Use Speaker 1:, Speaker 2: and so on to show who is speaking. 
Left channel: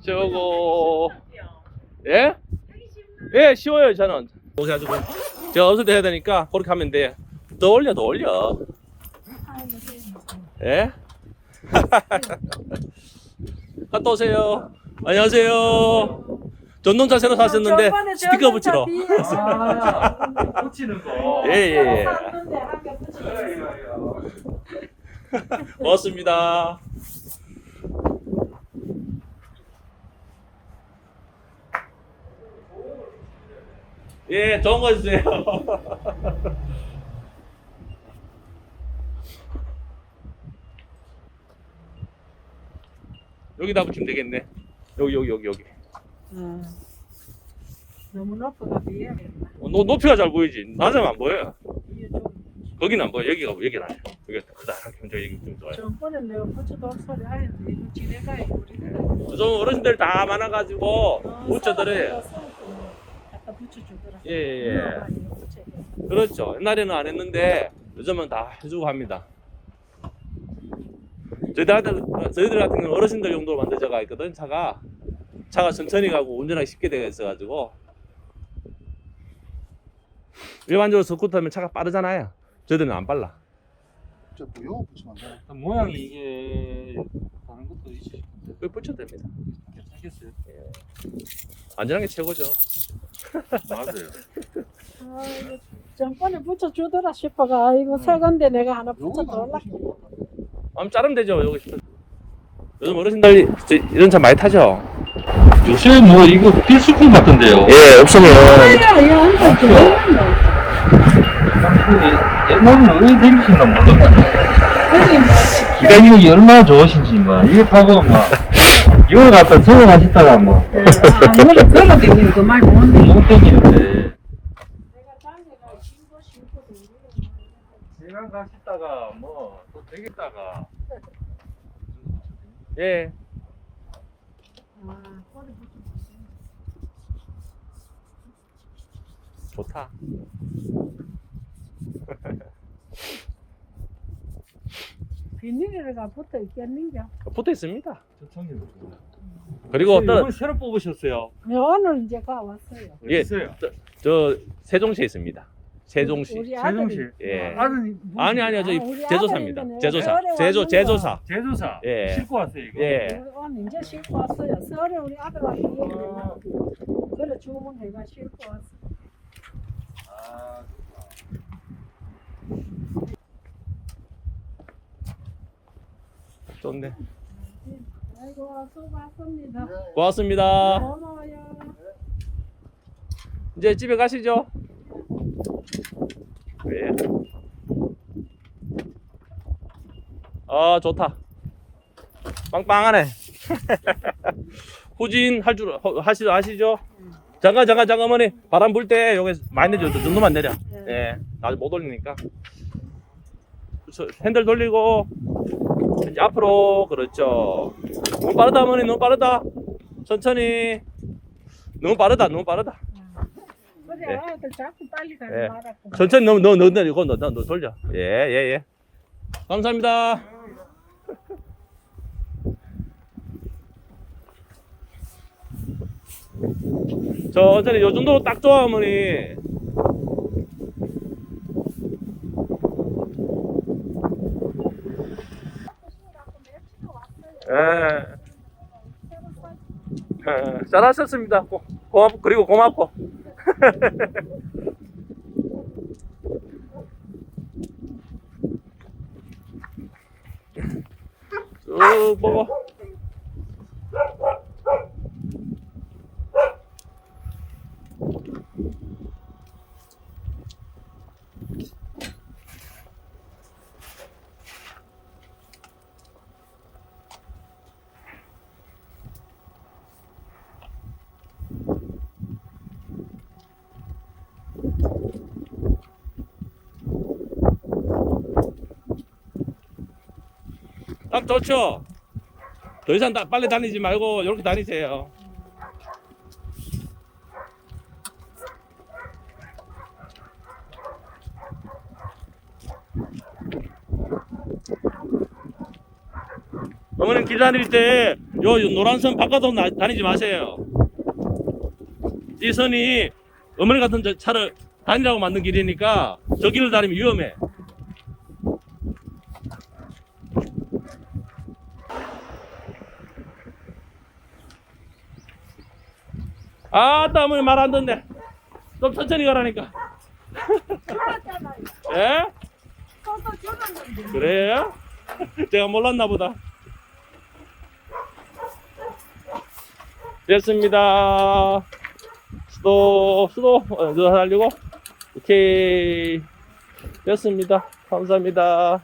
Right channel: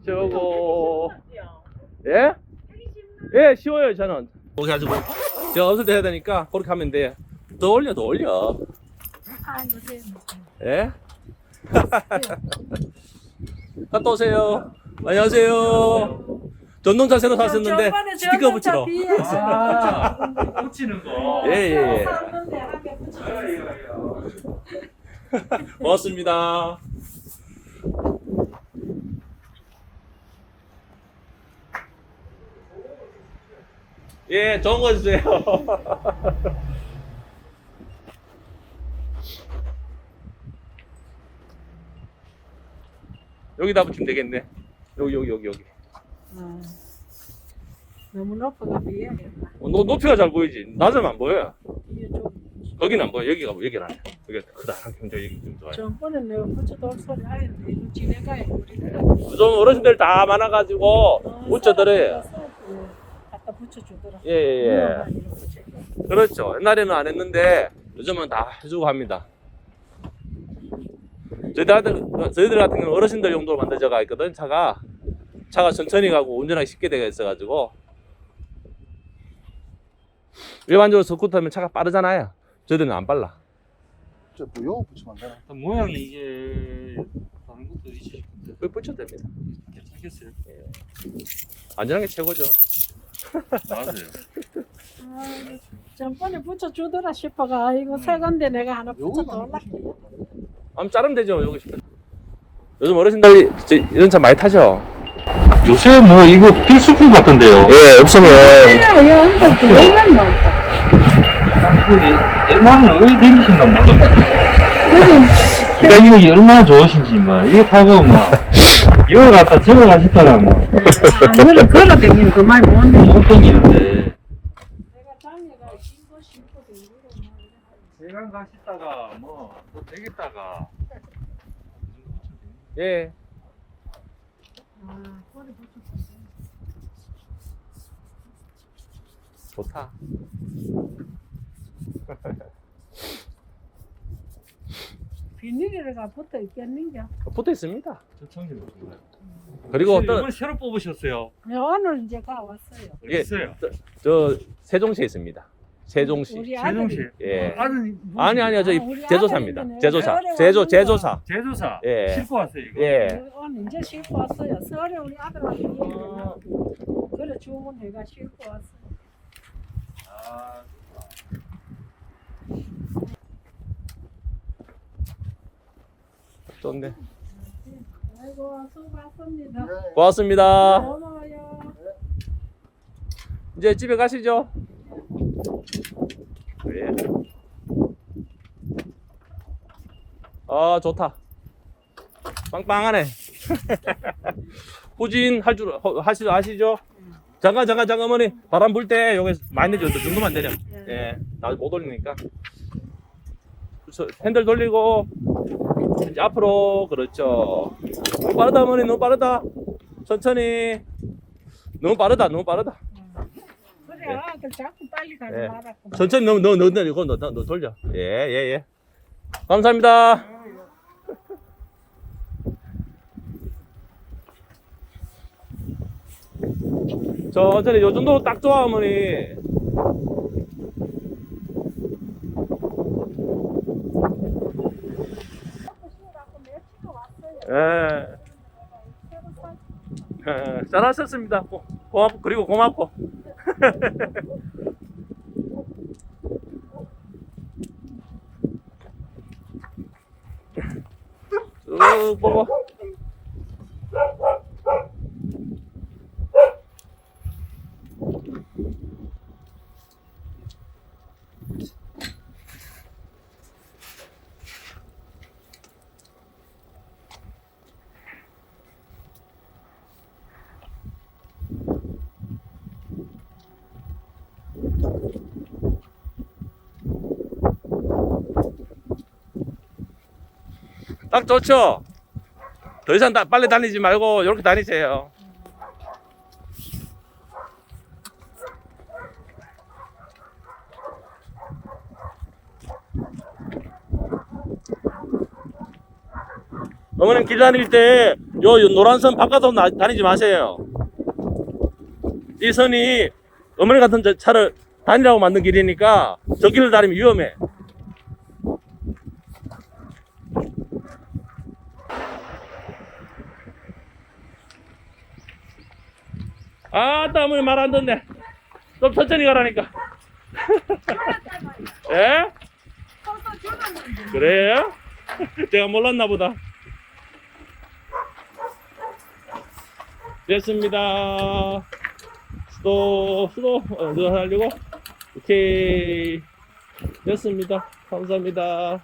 Speaker 1: 저거 예? 예 쉬워요 저는 거기 가지고 연습 때 해야 되니까 그렇게 하면 돼더 올려 더 올려 예? 갔다 오세요. 안녕하세요. 전동차 새로 샀었는데 스티커 붙이러.
Speaker 2: 아, 붙이는 거.
Speaker 1: 예 예예.
Speaker 3: 샀는데 한개 붙여줬어요.
Speaker 1: 고맙습니다. 예 좋은 거 주세요. 여기다 붙이면 되겠네. 여기 여기 여기 여기.
Speaker 3: 음. 너무 높아가 비해야겠다.
Speaker 1: 어, 노, 높이가 잘 보이지? 낮으면 안 보여.
Speaker 3: 이게 좀
Speaker 1: 거기는 안 보여. 여기가 여기는 아니야. 여기가 크다. 저 여기 좀 좋아요.
Speaker 3: 전번에 내가 붙여도 소리 하였는데 이거 지내가야 우리가
Speaker 1: 좀 어르신들 다 많아가지고 붙여드려요.
Speaker 3: 갖다 붙여주더라.
Speaker 1: 예 예 예.
Speaker 3: 이어가지고 붙여줘.
Speaker 1: 그렇죠. 옛날에는 안 했는데 요즘은 다 해주고 합니다. 저희들한테 저희들 같은 경우는 어르신들 용도로 만들어져가 있거든. 차가 차가 천천히 가고 운전하기 쉽게 되어 있어가지고 일반적으로 스쿠터면 차가 빠르잖아요 저희들은 안 빨라
Speaker 4: 저 무효 붙이면 안 되나?
Speaker 2: 모양이 이게 다른 것도 있으실 건데.
Speaker 1: 왜 붙여도 됩니다
Speaker 2: 괜찮겠어요?
Speaker 1: 안전한 게 최고죠
Speaker 2: 맞아요.
Speaker 3: 아이고, 전번에 붙여주더라 싶어가 아이고 새 건데 내가 하나 붙여달라.
Speaker 4: 붙이면 돼.
Speaker 1: 한번 자르면 되죠 여기 싶은 요즘 어르신들 저- 이런 차 많이 타죠
Speaker 2: 요새 뭐 이거 필수품 같은데요.
Speaker 1: 예 없으면
Speaker 3: 야, 이거.
Speaker 2: 옛날에는 왜 몰랐거든요.
Speaker 3: 그게
Speaker 2: 그러니까 이게 얼마나 좋으신지 막 이게 타고 막 이거 갖다 저거 가시다가 막.
Speaker 3: 못
Speaker 2: 댕기는데 대강 가시다가 뭐 또 되겠다가
Speaker 1: 예
Speaker 3: 아, 꼬리.
Speaker 1: 좋다
Speaker 3: 비닐이가 붙어 있겠는겨.
Speaker 1: 붙어 있습니다
Speaker 2: 저 청기도 좋아요.
Speaker 1: 그리고 또
Speaker 2: 이번 새로 뽑으셨어요.
Speaker 3: 네, 오늘 이제 가 왔어요.
Speaker 1: 예.
Speaker 2: 있어요.
Speaker 1: 저 세종시에 있습니다 세종시
Speaker 2: 세종시.
Speaker 1: 예
Speaker 2: 아들
Speaker 1: 아니 아니요 저희
Speaker 3: 아, 우리
Speaker 1: 제조사입니다 제조사
Speaker 3: 서울에
Speaker 1: 제조
Speaker 3: 왔는
Speaker 1: 제조사
Speaker 2: 제조사
Speaker 1: 예.
Speaker 2: 싣고 왔어요 이거.
Speaker 1: 예
Speaker 3: 오늘 이제 싣고 왔어요. 서울에 우리 아들한테 얘기해요. 그래 주문해가 싣고 왔어.
Speaker 2: 아,
Speaker 1: 좋네
Speaker 3: 아이고 수고하셨습니다.
Speaker 4: 네.
Speaker 1: 고맙습니다
Speaker 3: 고마워요.
Speaker 1: 이제 집에 가시죠 예. 아 좋다. 빵빵하네. 후진 할 줄 하시 아시죠? 잠깐 잠깐 잠깐 어머니. 바람 불 때 여기 많이 내줘. 저 정도만 내려. 예. 나도 못 올리니까. 저 핸들 돌리고. 이제 앞으로. 그렇죠. 너무 빠르다 어머니. 너무 빠르다. 천천히. 너무 빠르다 너무 빠르다
Speaker 3: 그래
Speaker 1: 예.
Speaker 3: 아들 자꾸 빨리 가지
Speaker 1: 예.
Speaker 3: 말았고.
Speaker 1: 천천히 너무 너무 너무 이거 너, 너, 너 돌려 예예 예, 감사합니다 천천히 요 정도로 딱 좋아 어머니 예. 예, 잘하셨습니다. 고, 고, 그리고 고맙고. 쭉 보고. 딱 좋죠? 더 이상 다, 빨리 다니지 말고 이렇게 다니세요. 어머님 길 다닐 때 요, 요 노란 선 바깥으로 나- 다니지 마세요. 이 선이 어머니 같은 저 차를 다니라고 만든 길이니까 저 길을 다니면 위험해. 아따 어머니 말안 듣네. 좀 천천히 가라니까. 예? 그래요? 제가 몰랐나 보다. 됐습니다. 수도, 수도, 어, 저 하려고? 오케이. 됐습니다. 감사합니다.